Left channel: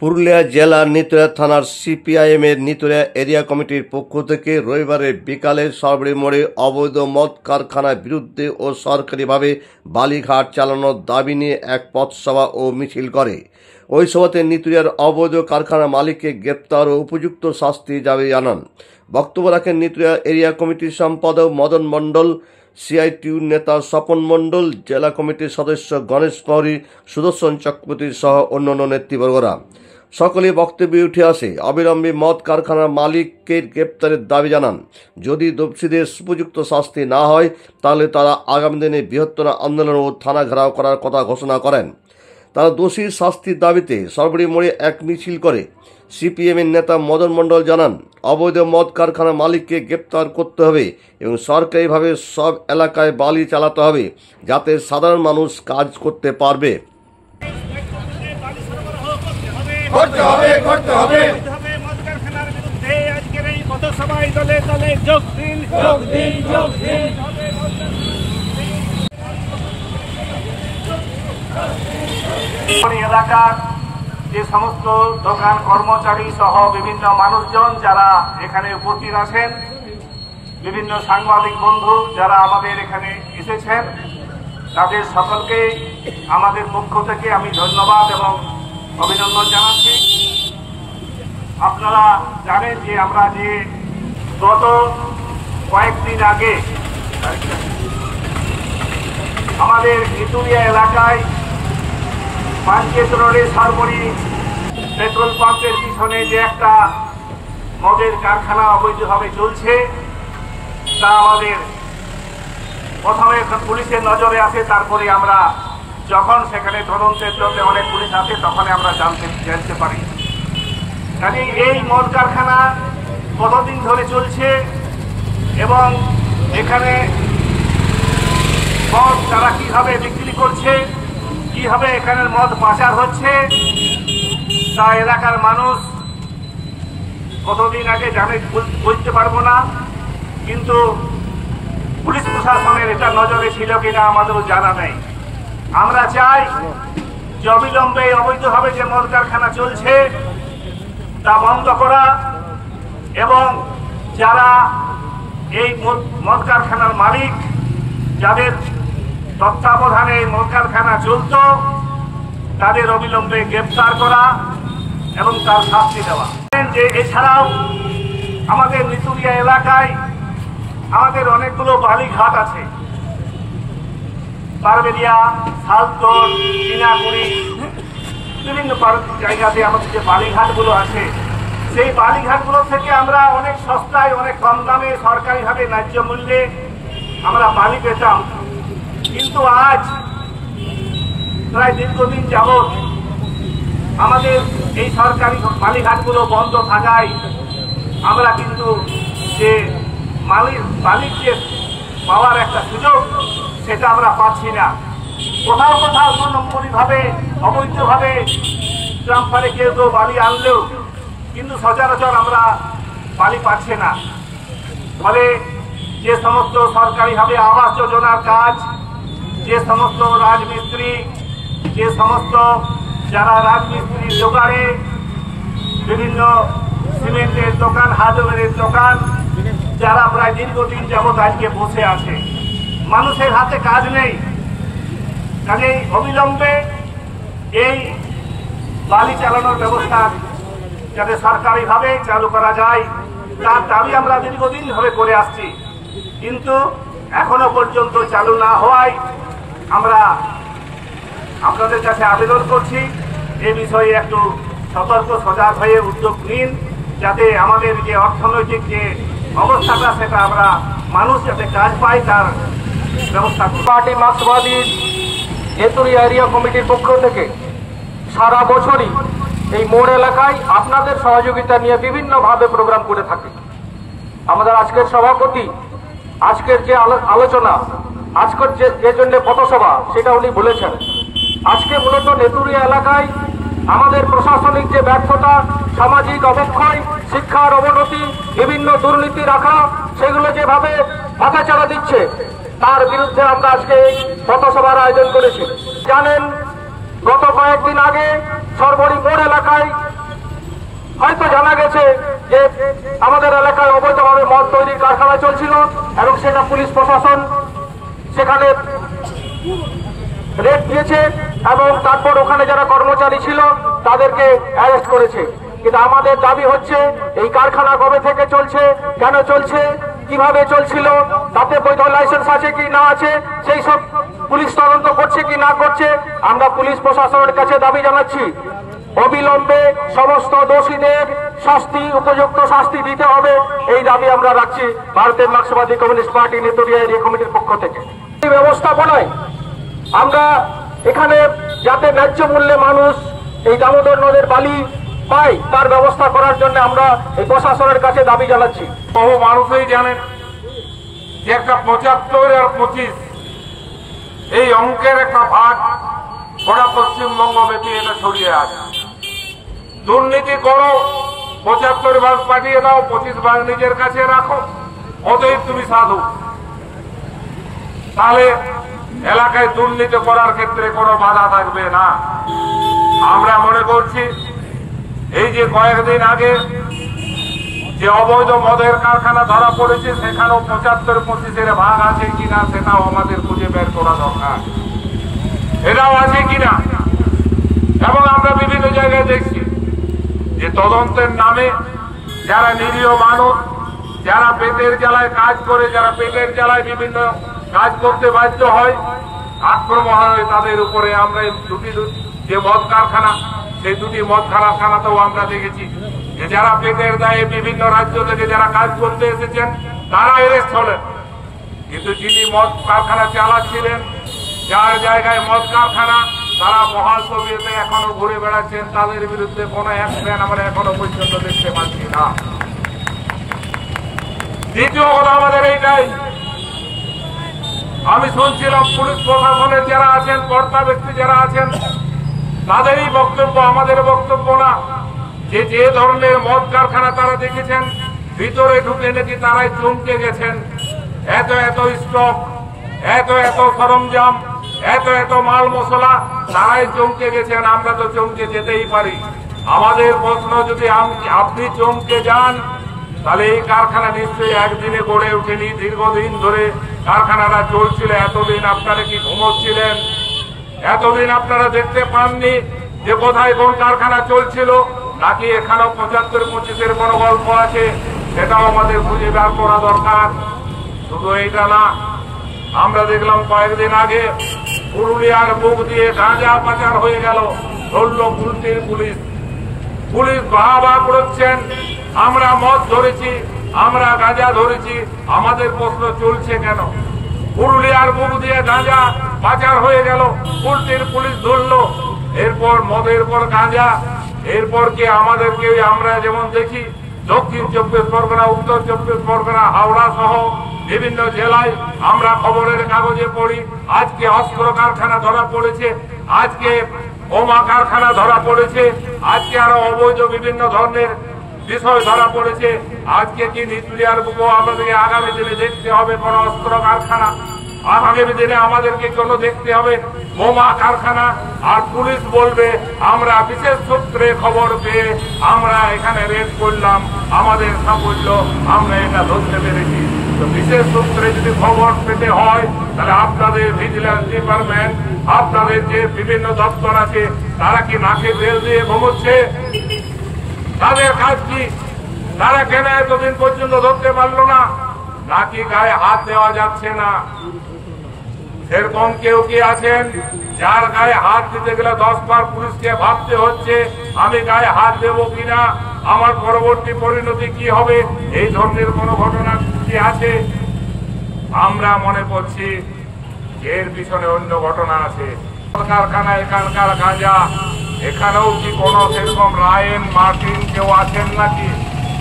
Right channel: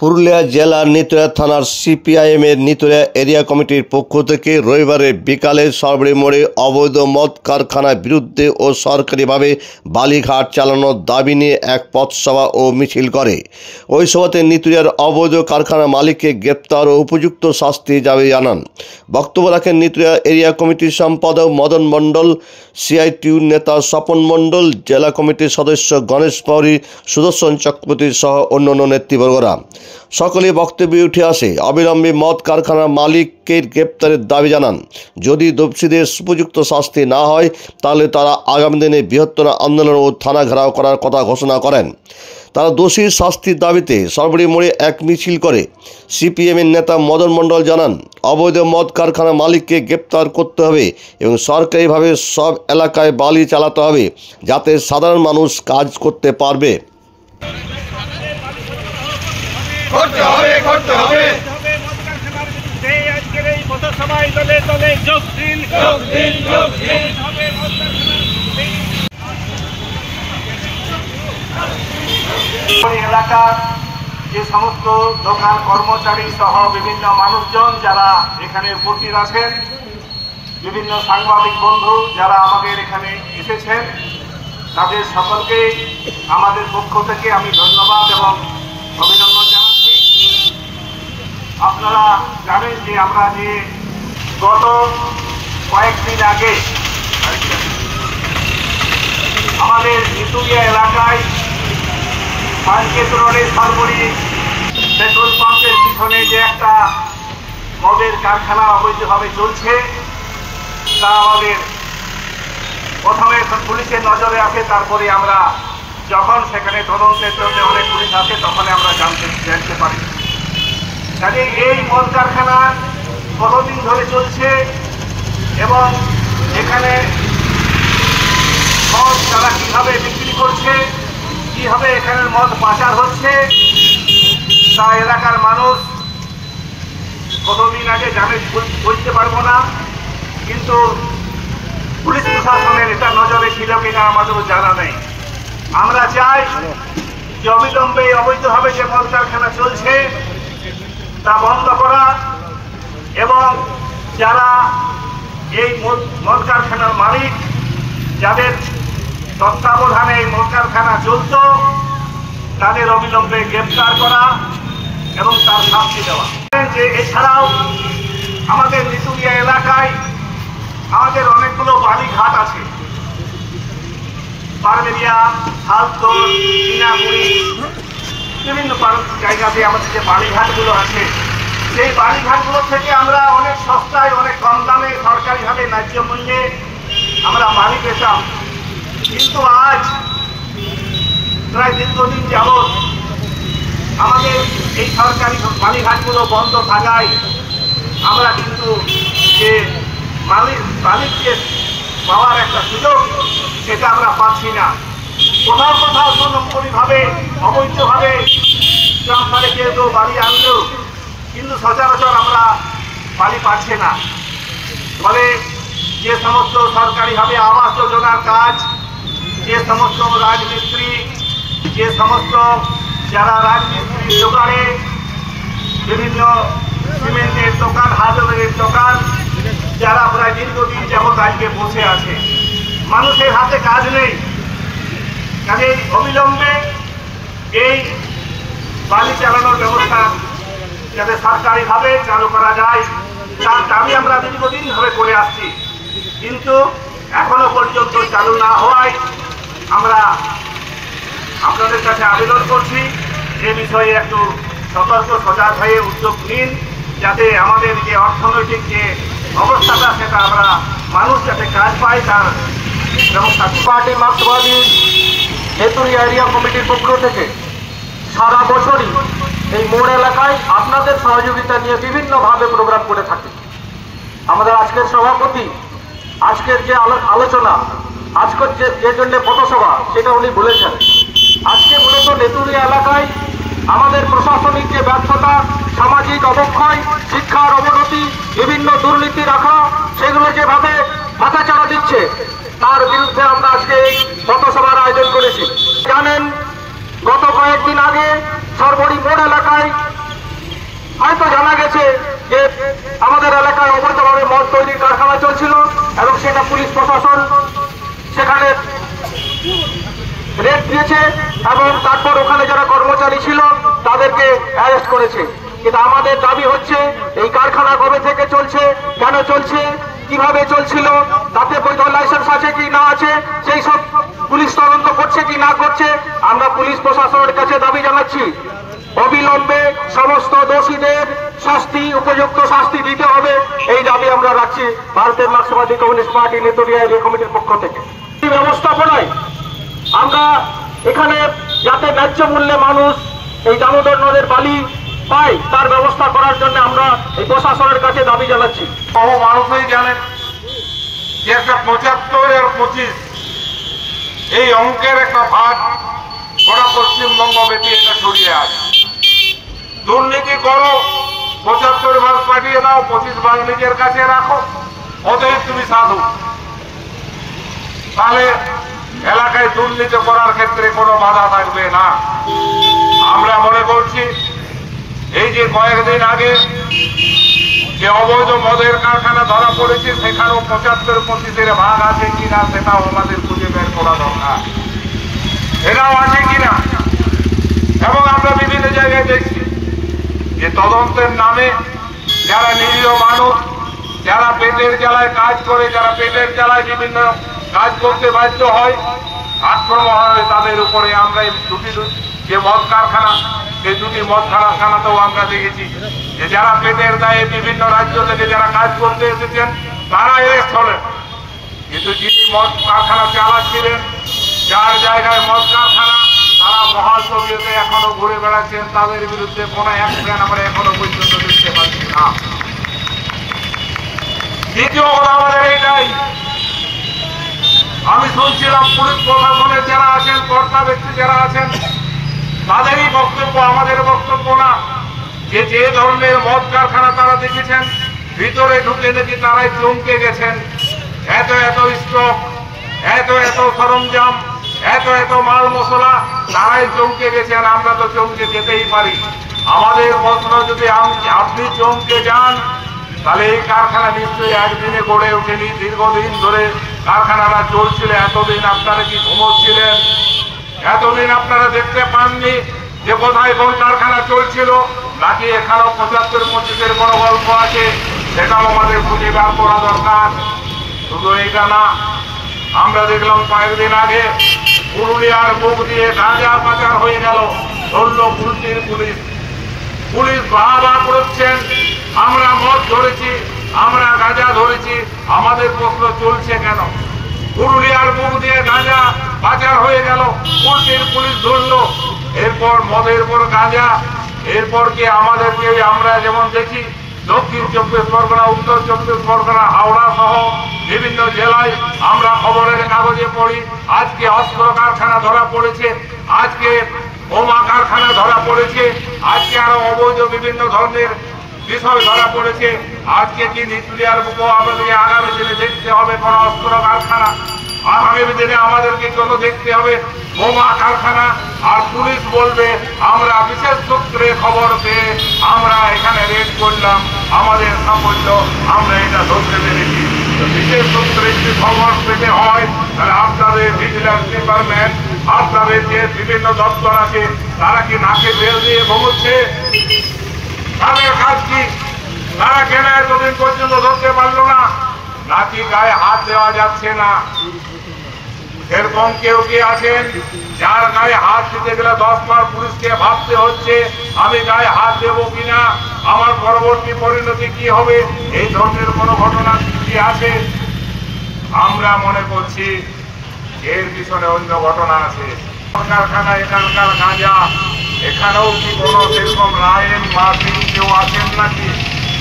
পুরুলিয়া জেলার নিতুড়িয়া থানার সিপিআইএমের নিতুড়িয়া এরিয়া কমিটির পক্ষ থেকে রবিবার বিকালে সরবড়ি মোড়ে অবৈধ মদ কারখানার বিরুদ্ধে ও সরকারিভাবে বালিঘাট চালানোর দাবি নিয়ে এক পথসভা ও মিছিল করে। ওই সভাতে নিতুড়িয়ার অবৈধ কারখানার মালিককে গ্রেপ্তার ও উপযুক্ত শাস্তি দাবি জানান। বক্তব্য রাখেন নিতুড়িয়া এরিয়া কমিটির সম্পাদক মদন মণ্ডল, সিআইটিউ নেতা স্বপন মণ্ডল, জেলা কমিটির সদস্য গণেশ পৌরি, সুদর্শন চক্রবর্তী সহ অন্যান্য নেতৃবর্গরা। সকলেই বক্তব্যে উঠে আসে অবিলম্বে মদ কারখানার মালিককে গ্রেপ্তারের দাবি জানান। যদি দোষীদের উপযুক্ত শাস্তি না হয় তাহলে তারা আগামী দিনে বৃহত্তর আন্দোলন ও থানা ঘেরাও করার কথা ঘোষণা করেন। তারা দোষীর শাস্তির দাবিতে সরবড়ি মোড়ে এক মিছিল করে। সিপিএমের নেতা মদন মণ্ডল জানান, অবৈধ মদ কারখানার মালিককে গ্রেপ্তার করতে হবে এবং সরকারিভাবে সব এলাকায় বালি চালাতে হবে যাতে সাধারণ মানুষ কাজ করতে পারবে। এলাকার যে সমস্ত দোকান কর্মচারী সহ বিভিন্ন মানুষজন যারা এখানে উপস্থিত আছেন, বিভিন্ন সাংবাদিক বন্ধু যারা আমাদের এখানে এসেছেন, তাদের সকলকে আমাদের পক্ষ থেকে আমি ধন্যবাদ এবং অভিনন্দন জানাচ্ছি। আপনারা জানেন যে আমরা যে গত কয়েকদিন আগে আমাদের নিতুড়িয়া এলাকায় মার্কেট রোডে সরবড়ি পেট্রোল পাম্পের পিছনে যে একটা মদের কারখানা অবৈধভাবে চলছে, তা আমাদের প্রথমে পুলিশের নজরে আসে। তারপরে আমরা যখন সেখানে তদন্তের জন্য অনেক পুলিশ আসে তখন আমরা জানতে পারি। কাজে এই মদ কারখানা কতদিন ধরে চলছে এবং এখানে মদ তারা কীভাবে বিক্রি করছে, কীভাবে এখানের মদ পাচার হচ্ছে, তা এলাকার মানুষ কতদিন আগে জানে বুঝতে পারবো না, কিন্তু পুলিশ প্রশাসনের এটা নজরে ছিল কিনা আমাদেরও জানা নেই। আমরা চাই যে অবিলম্বে অবৈধভাবে যে মদ কারখানা চলছে তা বন্ধ করা এবং যারা এই মদ কারখানার মালিক, যাদের তত্ত্বাবধানে এই মদ কারখানা চলত, তাদের অবিলম্বে গ্রেপ্তার করা এবং তার শাস্তি দেওয়া। যে এছাড়াও আমাদের নিতুড়িয়া এলাকায় আমাদের অনেকগুলো বালিঘাট আছে, পারবেরিয়া, শালতোর, চিনাকুড়ি, বিভিন্ন জায়গাতে আমাদের যে বালিঘাটগুলো আছে, সেই বালিঘাটগুলো থেকে আমরা অনেক সস্তায় অনেক কম দামে সরকারিভাবে ন্যায্য মূল্যে আমরা বালি পেতাম। কিন্তু আজ প্রায় দীর্ঘদিন যাবৎ আমাদের এই সরকারি বালিঘাটগুলো বন্ধ থাকায় আমরা কিন্তু যে মালিককে পাওয়ার একটা সুযোগ সেটা আমরা পাচ্ছি না। কোথাও কোথাও নম্বরীভাবে অবৈধভাবে ট্রান্সফারে কেউ বালি আনলেও কিন্তু সচরাচর আমরা বালি পাচ্ছি না। ফলে যে সমস্ত সরকারিভাবে আবাস যোজনার কাজ, যে সমস্ত রাজমিস্ত্রি, যে সমস্ত যারা রাজমিস্ত্রি জোগাড়ে বিভিন্ন সিমেন্টের দোকান, হার্ডওয়্যারের দোকান, যারা প্রায় দীর্ঘদিন যাবৎ আজকে বসে আছে, মানুষের হাতে কাজ নেই। কাজে অবিলম্বে এই বালি চালানোর ব্যবস্থা যাতে সরকারিভাবে চালু করা যায় তার দাবি আমরা দীর্ঘদিন ধরে করে আসছি, কিন্তু এখনো পর্যন্ত চালু না হওয়ায় আমরা আপনাদের কাছে আবেদন করছি এই বিষয়ে একটু সতর্ক সজাগ হয়ে উদ্যোগ নিন, যাতে আমাদের যে অর্থনৈতিক যে অবস্থাটা সেটা আমরা মানুষ যাতে কাজ পায় তার ব্যবস্থা। পার্টি মার্ক্সবাদী নিতুড়িয়া এরিয়া কমিটির পক্ষ থেকে সারা বছরই এই মোড় এলাকায় আপনাদের সহযোগিতা নিয়ে বিভিন্নভাবে প্রোগ্রাম করে থাকি। আমাদের আজকের সভাপতি আজকের যে আলোচনা, আজকের যে জন্য পথসভা, সেটা উনি বলেছেন। আজকে মূলত নিতুড়িয়া এলাকায় আমাদের প্রশাসনিক যে ব্যর্থতা, সামাজিক অবক্ষয়, শিক্ষার অবনতি, বিভিন্ন দুর্নীতি রাখা, সেগুলো যেভাবে মাথাচাড়া দিচ্ছে তার বিরুদ্ধে আমরা আজকে এই পথসভার আয়োজন করেছি। জানেন, গত কয়েকদিন আগে সরবড়ি মোড় এলাকায় প্রশাসন সেখানে রেড দিয়েছে এবং তারপর ওখানে যারা কর্মচারী ছিল তাদেরকে অ্যারেস্ট করেছে। কিন্তু আমাদের দাবি হচ্ছে এই কারখানা কবে থেকে চলছে, কেন চলছে, কিভাবে চলছিল, তাতে বৈধ লাইসেন্স আছে কি না আছে, সেই সব পুলিশ তদন্ত করছে কি না করছে। আমরা পুলিশ প্রশাসনের কাছে দাবি জানাচ্ছি অবিলম্বে সমস্ত দোষীদের শাস্তি, উপযুক্ত শাস্তি দিতে হবে, এই দাবি আমরা রাখছি ভারতের মার্ক্সবাদী কমিউনিস্ট পার্টি নেতুরিয়া এরিয়া কমিটির পক্ষ থেকে। এই ব্যবস্থাপনায় আমরা এখানে যাতে ন্যায্য মূল্যে মানুষ এই দামোদর নদের বালি পায় তার ব্যবস্থা করার জন্য আমরা এই প্রশাসনের কাছে দাবি জানাচ্ছি। বহু মানুষই জানেন যে একটা 75 আর 25 এই অঙ্কের একটা ভাগ গোটা পশ্চিমবঙ্গ ব্যাপী এটা ছড়িয়ে আছে। দুর্নীতি করো, 75 ভাগ পাঠিয়ে দাও, 25 ভাগ নিজের কাছে রাখো, অতএব তুমি সাধু। তাহলে এলাকায় দুর্নীতি করার ক্ষেত্রে কোনো বাধা থাকবে না। আমরা মনে করছি এই যে কয়েকদিন আগে যে অবৈধ মদের কারখানা ধরা পড়েছে সেখানেও 75-25 ভাগ আছে কিনা সেটাও আমাদের খুঁজে বের করা দরকার, এটাও আছে কিনা। এবং আমরা বিভিন্ন জায়গায় দেখছি যে তদন্তের নামে যারা নিরীহ মানুষ, যারা পেটের জ্বালায় কাজ করে, যারা পেটের জ্বালায় বিভিন্ন কাজ করতে বাধ্য হয়, আক্রমণ হয় তাদের উপরে। আমরা এই দুটি যে মদ কারখানা, সেই দুটি মদ কারখানাতেও আমরা দেখেছি যে যারা পেটের দায়ে বিভিন্ন রাজ্য থেকে যারা কাজ করতে এসেছেন তারা অ্যারেস্ট হলেন, কিন্তু যিনি মদ কারখানা চালাচ্ছিলেন, যার জায়গায় মদ কারখানা, তারা বহাল তবিয়তে এখনো ঘুরে বেড়াচ্ছেন, তাদের বিরুদ্ধে কোনো অ্যাকশন আমরা এখনো পর্যন্ত দেখতে পাচ্ছি না। দ্বিতীয় কথা আমাদের এইটাই, আমি শুনছিলাম পুলিশ প্রশাসনের যারা আছেন, কর্তা ব্যক্তি যারা আছেন, তাদেরই বক্তব্য, আমাদের বক্তব্য না, যে যে ধরনের মদ কারখানা তারা দেখেছেন ভিতরে ঢুকে নাকি তারাই চমকে গেছেন। এত এত স্টক, এত এত সরঞ্জাম, এত এত মাল মশলা, তারাই চমকে গেছেন। আমরা তো চমকে যেতেই পারি। আমাদের প্রশ্ন, যদি আপনি চমকে যান তাহলে এই কারখানা নিশ্চয়ই একদিনে গড়ে ওঠেনি, দীর্ঘদিন ধরে কারখানাটা চলছিল। এতদিন আপনারা কি ঘুমোচ্ছিলেন? এতদিন আপনারা দেখতে পাননি যে কোথায় কোন কারখানা চলছিল? নাকি এখানেও 75-25 কোনো গল্প আছে? সেটাও আমাদের খুঁজে বের করা দরকার। শুধু এইটা না, আমরা দেখলাম কয়েকদিন আগে পুরুলিয়ার বুক দিয়ে গাঁজা পাচার হয়ে গেল, ধরল পুলিশের পুলিশ বাহবা করছেন, আমরা মদ ধরেছি, আমরা গাঁজা ধরেছি। আমাদের প্রশ্ন, চলছে কেন? পুরুলিয়ার বুক দিয়ে গাঁজা পাচার হয়ে গেল, পুলিশ ধরলো, এরপর মদের পর গাঁজা, এরপর কি আমাদেরকে আমরা যেমন দেখি দক্ষিণ 24 পরগনা, উত্তর 24 পরগনা, হাওড়া সহ বিভিন্ন জেলায় আমরা খবরের কাগজে পড়ি, আজকে অস্ত্র কারখানা ধরা পড়েছে, আজকে বোমা কারখানা ধরা পড়েছে, আজকে আরো অবৈধ বিভিন্ন ধরনের বিষয় ধরা পড়েছে। আজকে কি নিউক্লিয়ার বুকও আমাদেরকে আগামী দিনে দেখতে হবে কোন অস্ত্র কারখানা? আগামী দিনে আমাদেরকে কোনো দেখতে হবে বোমা কারখানা। আর পুলিশ বলবে আমরা বিশেষ সূত্রে খবর পেয়ে আমরা এখানে রেড করলাম, আমাদের সাফল্য, আমরা এটা ধরতে পেরেছি। বিশেষ সূত্রে যদি খবর পেতে হয় তাহলে আপনাদের ভিজিলেন্স ডিপার্টমেন্ট, আপনাদের যে বিভিন্ন দপ্তর আছে, তারা কি নাকে তেল দিয়ে ঘুমোচ্ছে? তাদের কাজ কি? তারা কেন এতদিন পর্যন্ত ধরতে পারলো না? নাকি গায়ে হাত দেওয়া যাচ্ছে না? এরকম কেউ কি আছেন যার গায়ে হাত দিতে গেলে 10 বার পুলিশকে ভাবতে হচ্ছে আমি গায়ে হাত দেবো কিনা, আমার পরবর্তী পরিণতি কি হবে? এই ধরনের কোনো ঘটনা কি আছে? আমরা মনে করছি এর পিছনে অন্য ঘটনা আছে। কারখানা, এখানকার গাঁজা, এখানেও কি কোনো সেরকম রায়েন মার্টিন কেউ আছেন নাকি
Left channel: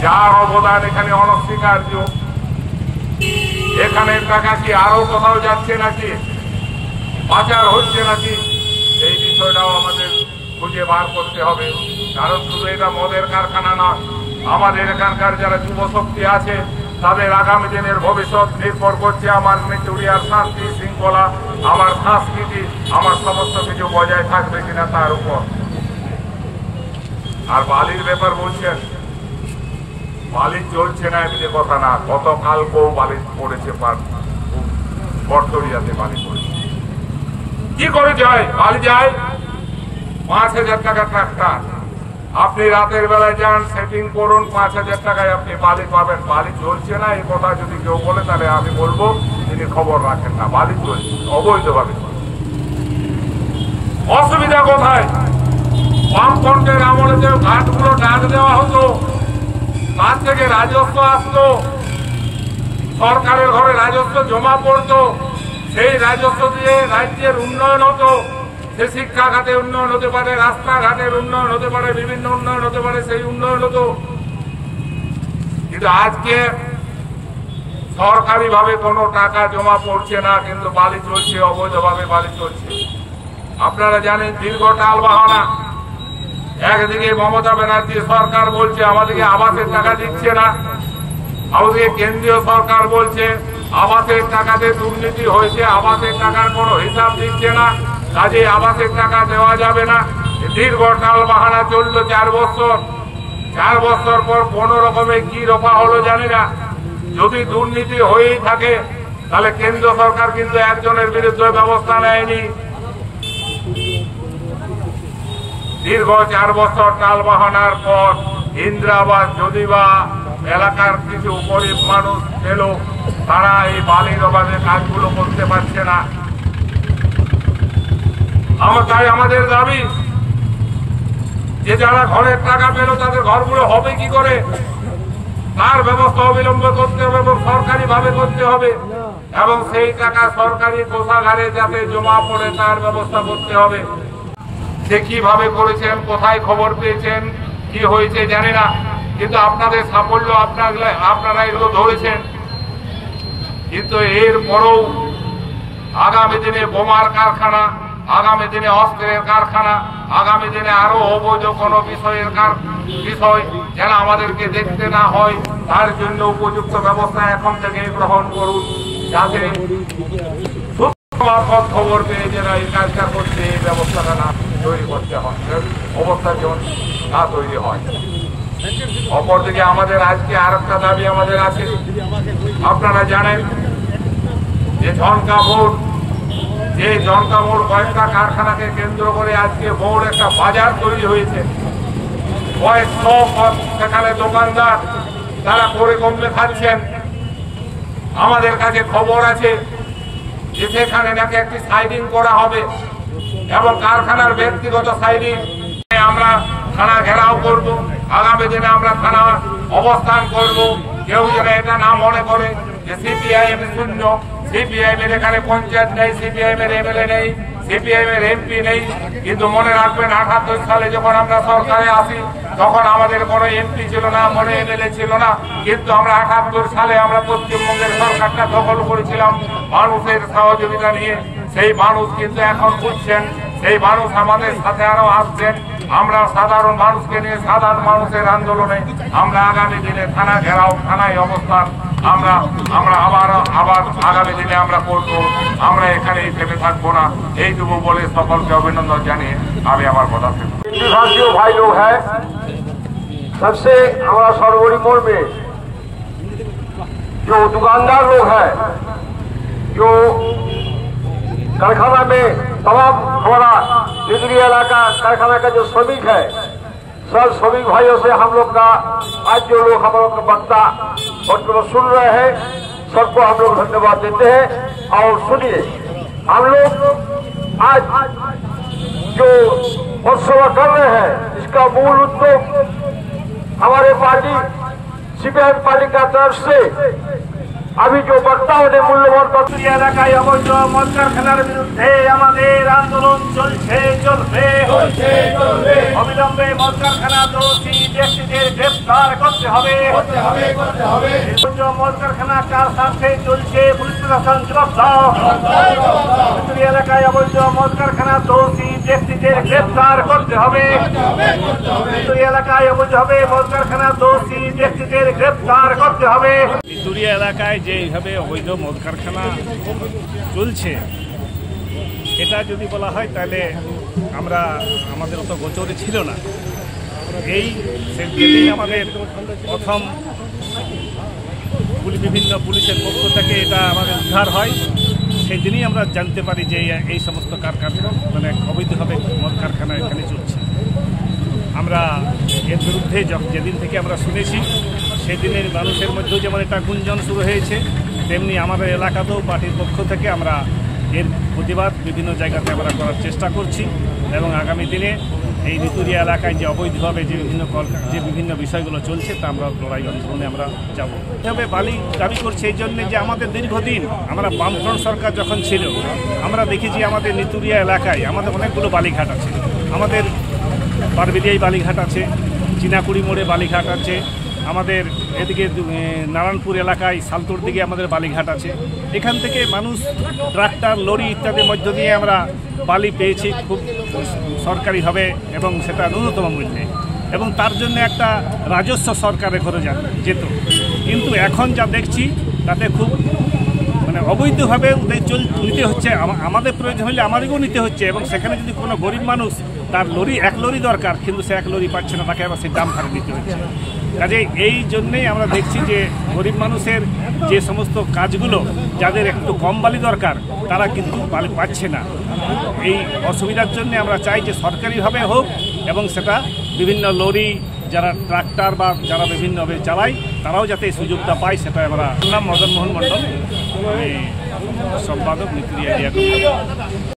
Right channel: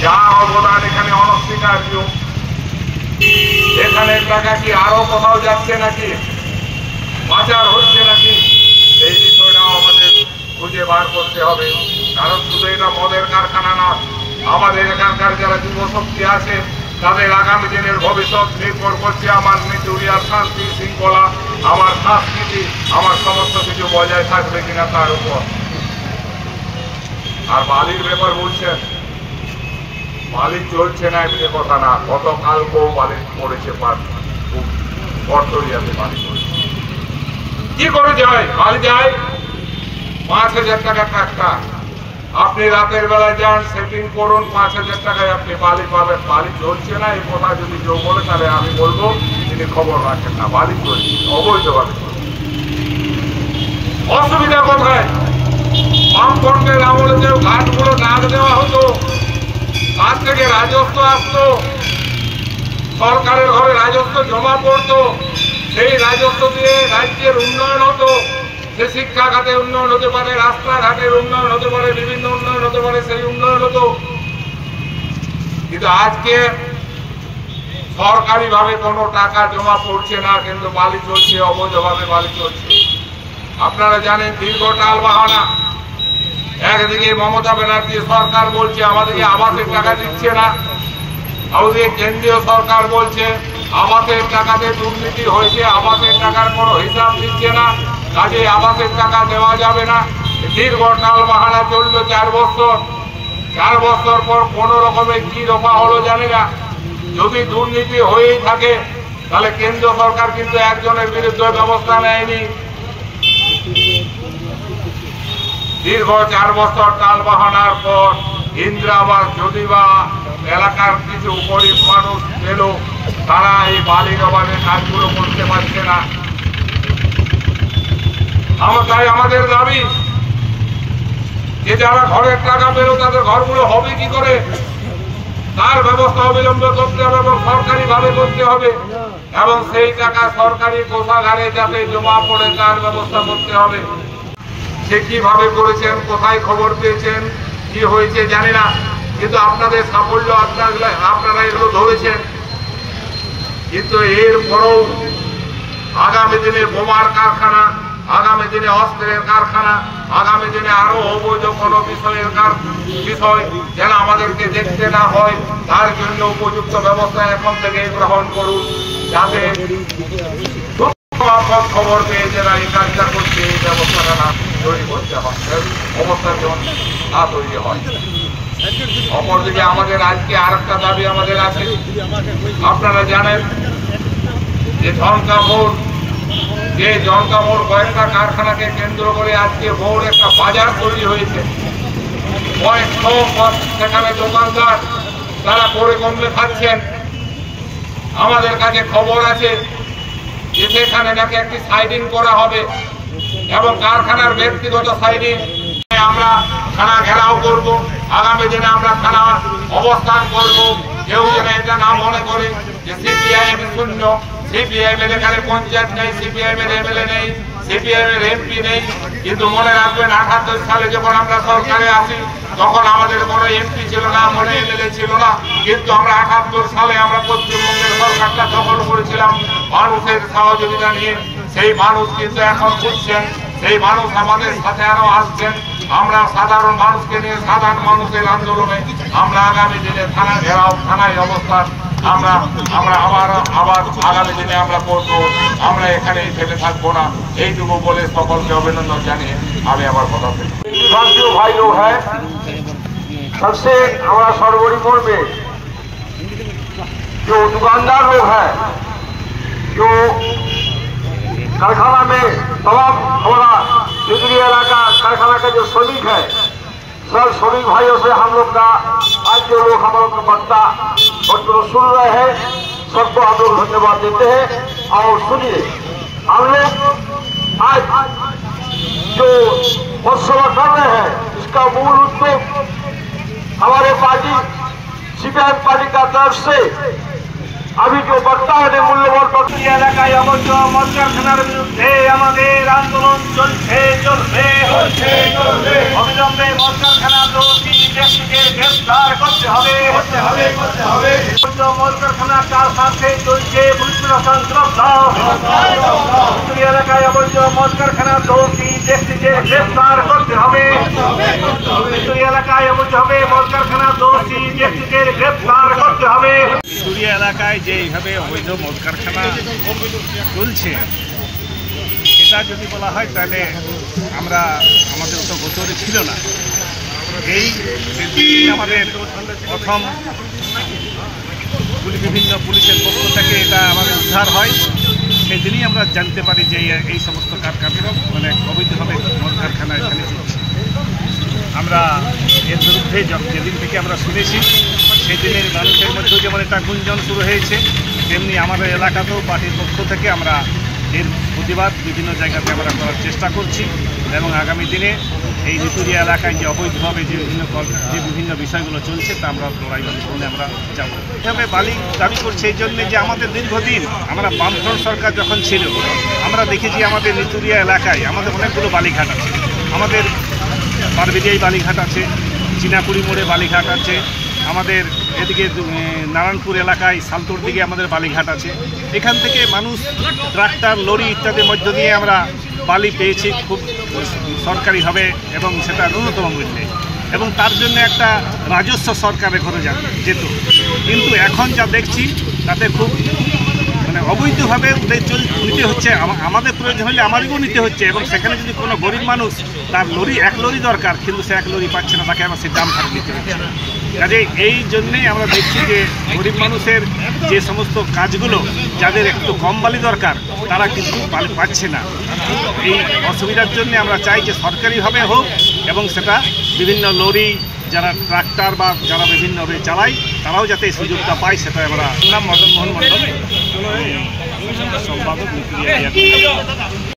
যার অবদান এখানে অনস্বীকার্য? এখানের টাকা কি আরো কোথাও যাচ্ছে নাকি, পাচার হচ্ছে নাকি? এই বিষয়টাও আমাদের খুঁজে বার করতে হবে। কারণ শুধু এটা মদের কারখানা না, আমাদের এখানকার যারা যুব শক্তি আছে তাদের আগামী দিনের ভবিষ্যৎ নির্ভর করছে আমার নেতুরিয়ার শান্তি শৃঙ্খলা, আমার সংস্কৃতি, আমার সমস্ত কিছু বজায় থাকবে কিনা তার উপর। আর বালির ব্যাপার বলছেন, বালি চলছে না এমনি কথা না, গতকালকেও বালি পড়েছে পটরিয়াতে বালি পড়েছে। কি করে যায়? বালি যায় 5,000 টাকা ট্রাক্টর। আপনি রাতের বেলায় যান, সেটিং করুন, 5,000 টাকায় আপনি বালি পাবেন। বালি চলছে না এই কথা যদি কেউ বলে তাহলে আমি বলবো তিনি খবর রাখেন না। বালি চলছে, অবৈধভাবে চলছে। অসুবিধা কোথায়? বামফ্রন্টের আমলে যে ঘাটগুলো ডাক দেওয়া হতো, তার থেকে রাজস্ব আসতো, সরকারের ঘরে রাজস্ব জমা পড়তো, সেই রাজস্ব দিয়ে রাজ্যের উন্নয়ন হতো। সে শিক্ষা খাতে উন্নয়ন হতে পারে, রাস্তাঘাটের উন্নয়ন হতে পারে, বিভিন্ন উন্নয়ন হতে পারে, সেই উন্নয়ন হতো। কিন্তু আজকে সরকারিভাবে কোনো টাকা জমা পড়ছে না, কিন্তু বালি চলছে, অবৈধভাবে বালি চলছে। আপনারা জানেন দীর্ঘ টাল বাহানা। একদিকে মমতা ব্যানার্জি সরকার বলছে আমাদেরকে আবাসের টাকা দিচ্ছে না, আমাদের কেন্দ্রীয় সরকার বলছে আবাসের টাকাতে দুর্নীতি হয়েছে, আবাসের টাকার কোনো হিসাব দিচ্ছে না, কাজে আবাসের টাকা দেওয়া যাবে না। দীর্ঘ টাল বাহানা চললো 4 বছর। 4 বছর পর কোনো রকমে কি রফা হলো জানি না। যদি দুর্নীতি হয়েই থাকে তাহলে কেন্দ্র সরকার কিন্তু একজনের বিরুদ্ধে ব্যবস্থা নেয়নি। দীর্ঘ 4 বছর টাল বাহানার পর ইন্দিরাবাস যদি বা এলাকার কিছু গরিব মানুষ পেল, তারা এই বালির অভাবে কাজগুলো করতে পারছে না। তাই আমাদের দাবি যে যারা ঘরের টাকা পেল তাদের ঘরগুলো হবে কি করে, তার ব্যবস্থা অবিলম্বে করতে হবে এবং সরকারি ভাবে করতে হবে, এবং সেই টাকা সরকারি কোষাগারে যাতে জমা পড়ে তার ব্যবস্থা করতে হবে। সে কিভাবে করেছেন, কোথায় খবর পেয়েছেন, কি হয়েছে জানি না, কিন্তু আপনাদের সাফল্য আপনারা এগুলো ধরেছেন। কিন্তু এরপরও আগামী দিনে বোমার কারখানা, আগামী দিনে অস্ত্রের কারখানা, আগামী দিনে আরো অবৈধ কোনো বিষয় যেন আমাদেরকে দেখতে না হয়, তার জন্য উপযুক্ত ব্যবস্থা এখন থেকে গ্রহণ করুন, যাতে খবর পেয়ে যারা এই কাজটা করছে এই ব্যবস্থাটা না তৈরি করতে হয়, অবস্থার যেমন না তৈরি হয়। অপরদিকে আমাদের আজকে আর একটা দাবি আমাদের আছে। আপনারা জানেন যে ঝনকা মোড় কয়েকটা কারখানাকে কেন্দ্র করে আজকে বড় একটা বাজার তৈরি হয়েছে। কয়েকশো সেখানে দোকানদার তারা করে কমলে খাচ্ছেন। আমাদের কাছে খবর আছে যে সেখানে নাকি একটি সাইডিং করা হবে এবং কারখানার ব্যক্তিগত সাইডিং। আমরা থানা ঘেরাও করব, আগামী দিনে আমরা থানা অবস্থান করব। কেউ যেন এটা না মনে করে যে সিপিআইএম শূন্য, সিপিআইএম এর এখানে পঞ্চায়েত নেই, সিপিআইএম এর এমএলএ নেই, সিপিআইএম এর এমপি নেই। কিন্তু মনে রাখবেন ৭৮ সালে যখন আমরা সরকারে আসি তখন আমাদের কোনো এমপি ছিল না, কোনো এমএলএ ছিল না, কিন্তু আমরা ৭৮ সালে আমরা পশ্চিমবঙ্গের সরকারটা দখল করেছিলাম মানুষের সহযোগিতা নিয়ে। সেই মানুষ কিন্তু এখন বুঝছেন, সেই মানুষ আমাদের সাথে আরো আসছেন। আমরা সাধারণ মানুষকে নিয়ে সাধারণ মানুষের আন্দোলনে আমরা আগামী দিনে থানা ঘেরাও, থানায় অবস্থান আমরা আবার আগামী দিনে আমরা করবো। আমরা এখানে থেমে থাকবো না, এইটুকু বলে সকলকে অভিনন্দন জানিয়ে আমি আমার কথা শেষ। विभागीय भाई लोग हैं, सबसे हमारा सरवरी मोड़ में जो दुकानदार लोग हैं, जो कारखाना में तमाम हमारा केंद्रीय इलाका कारखाना का जो श्रमिक है, सब श्रमिक भाइयों से हम लोग का आज जो लोग हम लोग का वक्ता और सुन रहे हैं सबको हम लोग धन्यवाद देते हैं। और सुनिए, हम लोग आज जो महोत्सव कर रहे हैं इसका मूल उद्देश्य हमारे पार्टी सीपीआई पार्टी का तरफ से अभी जो वक्ताओं ने मूल्यवान এলাকায় অবৈধ মদ কারখানার বিরুদ্ধে আমাদের আন্দোলন চলবে। অবিলম্বে মদ কারখানা দোষী ব্যক্তিকে গ্রেফতার করতে হবে। মদ কারখানা কার সাথে চলছে পুলিশ প্রশাসন জবাব এলাকায় অবৈধ মদ কারখানা দোষী ব্যক্তিকে গ্রেফতার করতে হবে। এলাকায় অবৈধ মদ কারখানা দোষী ব্যক্তিকে গ্রেফতার করতে হবে। চুরিয়া এলাকায় যে এইভাবে অবৈধ মদ কারখানা চলছে, এটা যদি বলা হয় তাহলে আমাদের তো গোচরে ছিল না। যেদিন আমাদের প্রথম বিভিন্ন পুলিশের পক্ষ থেকে এটা আমাদের উদ্ধার হয়, সেদিনই আমরা জানতে পারি যে এই সমস্ত কারখানা মানে অবৈধভাবে মদ কারখানা এখানে চলছে। আমরা এর বিরুদ্ধে যেদিন থেকে আমরা শুনেছি সেদিনের মানুষের মধ্যেও যেমন একটা গুঞ্জন শুরু হয়েছে, তেমনি আমাদের এলাকাতেও পার্টির পক্ষ থেকে আমরা এর প্রতিবাদ বিভিন্ন জায়গাতে আমরা করার চেষ্টা করছি এবং আগামী দিনে এই নিতুরিয়া এলাকায় যে অবৈধভাবে যে বিভিন্ন বিষয়গুলো চলছে তা আমরা লড়াই আন্দোলনে আমরা যাব। তবে বালি দাবি করছে এই জন্যে যে আমাদের দীর্ঘদিন আমরা বামফ্রন্ট সরকার যখন ছিল আমরা দেখেছি আমাদের নিতুরিয়া এলাকায় আমাদের অনেকগুলো বালিঘাট আছে, আমাদের পারবেদিয়ায় বালিঘাট আছে, চিনাকুড়ি মোড়ে বালিঘাট আছে, আমাদের এদিকে নারায়ণপুর এলাকায় সালতুর দিকে আমাদের বালিঘাট আছে। এখান থেকে মানুষ ট্রাক্টর লরি ইত্যাদির মধ্য দিয়ে আমরা বালি পেয়েছি খুব সরকারিভাবে এবং সেটা ন্যূনতম মূল্যে, এবং তার জন্য একটা রাজস্ব সরকারের ঘরে যেত। কিন্তু এখন যা দেখছি তাতে খুব মানে অবৈধভাবে নিতে হচ্ছে। আমাদের প্রয়োজন হলে আমাদেরকেও নিতে হচ্ছে, এবং সেখানে যদি কোনো গরিব মানুষ তার এক লরি দরকার কিন্তু সে এক লরি পাচ্ছে না, তাকে আবার সে দাম ভাড়া দিতে হচ্ছে। কাজে এই জন্যেই আমরা দেখছি যে গরিব মানুষের যে সমস্ত কাজগুলো যাদের একটু কম বালি দরকার তারা কিন্তু বালি পাচ্ছে না। এই অসুবিধার জন্য আমরা চাই যে সরকারিভাবে হোক এবং সেটা বিভিন্ন লরি যারা ট্রাক্টর বা যারা বিভিন্নভাবে চালায় তারাও যাতে এই সুযোগটা পায় সেটা আমরা। নাম মদন মোহন মণ্ডল, সম্পাদক নিতুরিয়া।